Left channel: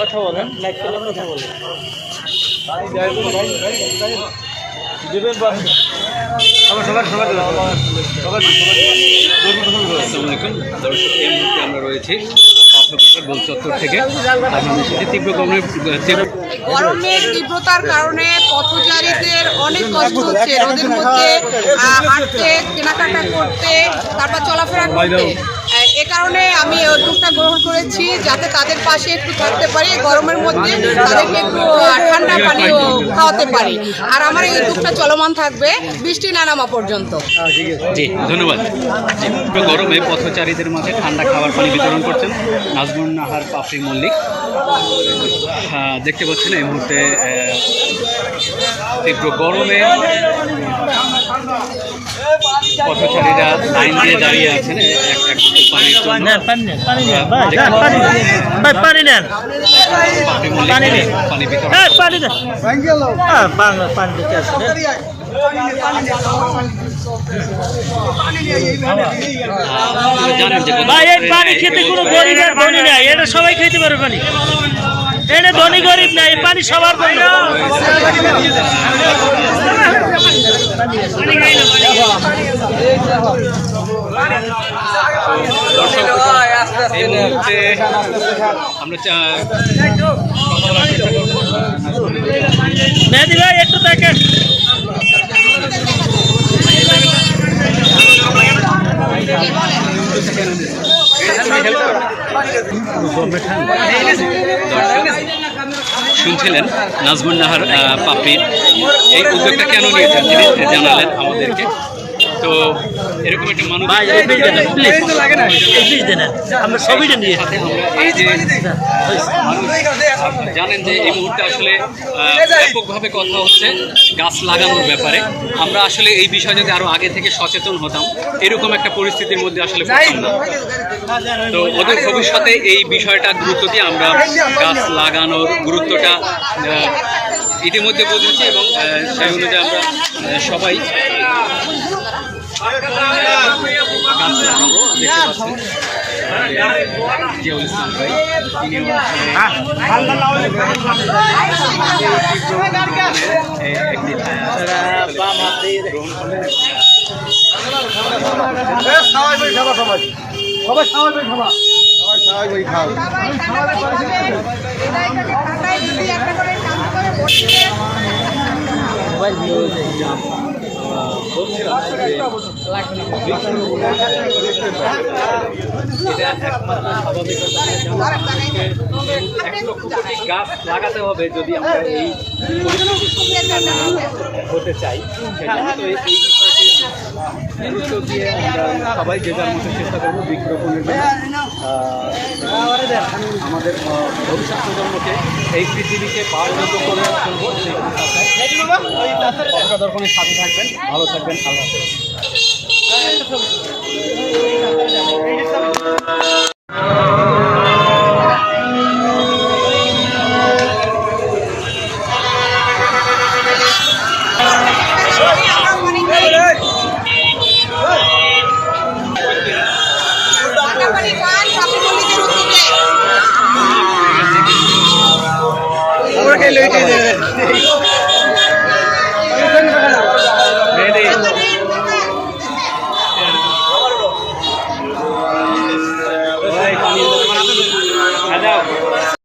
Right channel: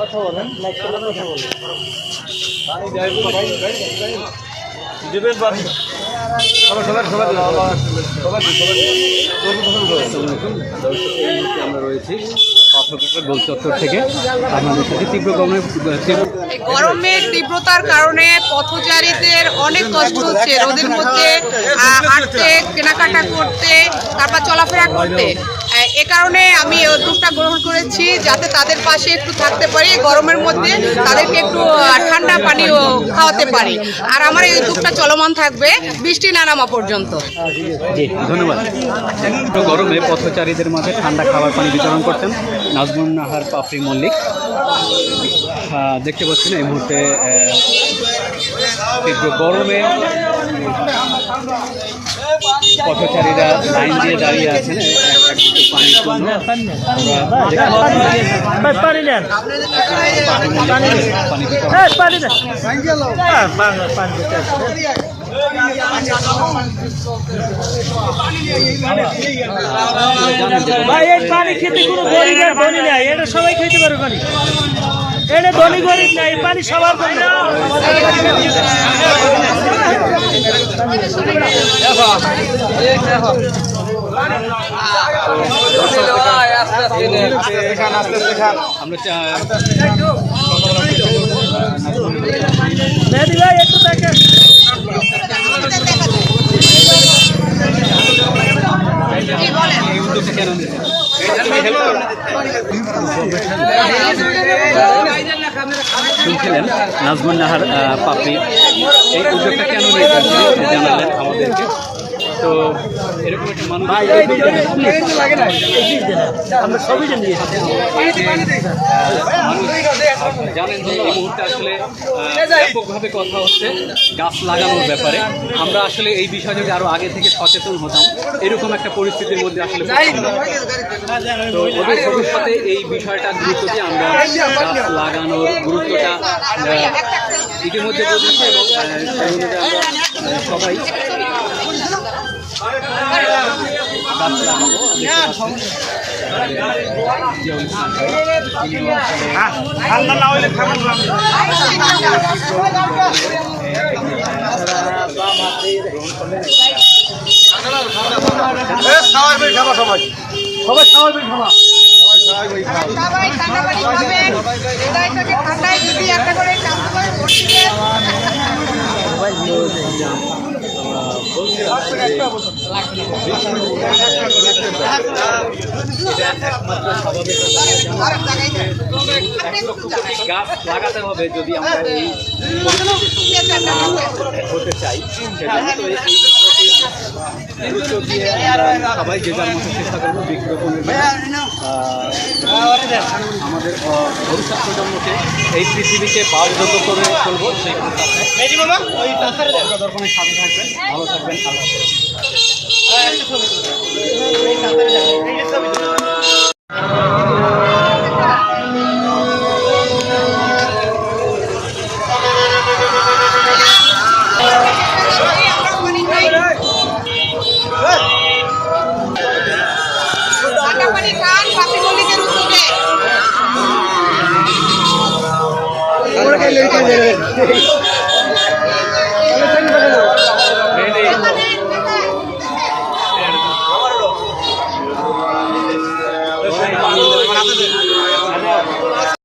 কথা বলেন, লাইক করলে কথা বলেন। আসসালামাইকুম দর্শক, এই মুহূর্তে আমরা রয়েছি গোলচত্বর থেকে। গরমের তীব্রতার কারণে পথচারীদের অনেক কষ্ট হচ্ছে, রোদের মধ্যে হাঁটতে, কেনাকাটা করতে, তারপর চলাফেরা করতে। এ কারণে আমি এই উদ্যোগটা গ্রহণ করেছি যাতে তাদের পাশে একটু থাকতে পারি, গরমের মধ্যে তাদেরকে একটু ঠান্ডা পানি খাওয়াতে পারি। আর আমার এই উদ্যোগটা চলমান থাকবে বৃষ্টি না নামা পর্যন্ত। জি, ধন্যবাদ। গরমে পথচারীদের মাঝে ঠান্ডা খাবার পানি বিতরণ করছেন নাজমুন নাহার পাপড়ি মল্লিক। দেখতে পাচ্ছেন এই মুহূর্তে তীব্র গরমে পথচারীরা লাইন দিয়ে দাঁড়িয়ে আছেন ভাই। এই পানি খেতে কোনো গরিব আর ধনী নাই, এটা সবাই খেতে পারবে পানি। এটা ধনী গরিব নাই, পানি সবার জন্য। মেহেদি ভাই একটু দেখেন। শুনছিলেন নাজমুন নাহার পাপড়ির এই উদ্যোগটা কেন নিয়েছেন তিনি জানালেন আমাদেরকে। তো এরকম একটা মানুষ আমরা সবই জানি। জানেন যে এই মুহূর্তে আসলে ব্যাপকভাবে কথা হচ্ছে গাছ লাগানোর ব্যাপারে। আমরা আসলে এই বিষয়ে যদি আরো আগে থেকে সচেতন হতাম, এরকম একটা পরিস্থিতির মধ্যে আসলে পড়তাম না। তো ওদের ভবিষ্যতে এই বিষয়টা গুরুত্ব দিয়ে আমরা গাছ লাগানোর গুরুত্বটা ইতিমধ্যে বুঝেছি এবং সেই অনুযায়ী আমরা সবাই গাছ লাগাবো। জিয়াউল ইসলাম ভাই, তিনিও গাছ লাগাতে হবে যদি আমরা এই হতে চাই। সবাই যেবার মতো চেষ্টা করবো বৃক্ষরোপণের আমাদের ভবিষ্যৎ প্রজন্মকে এই পৃথিবীকে পাওয়ারগত করে চলবো। সেই দর্পণের সাথে থাকবেন, ভালো থাকবেন, আল্লাহ আমারও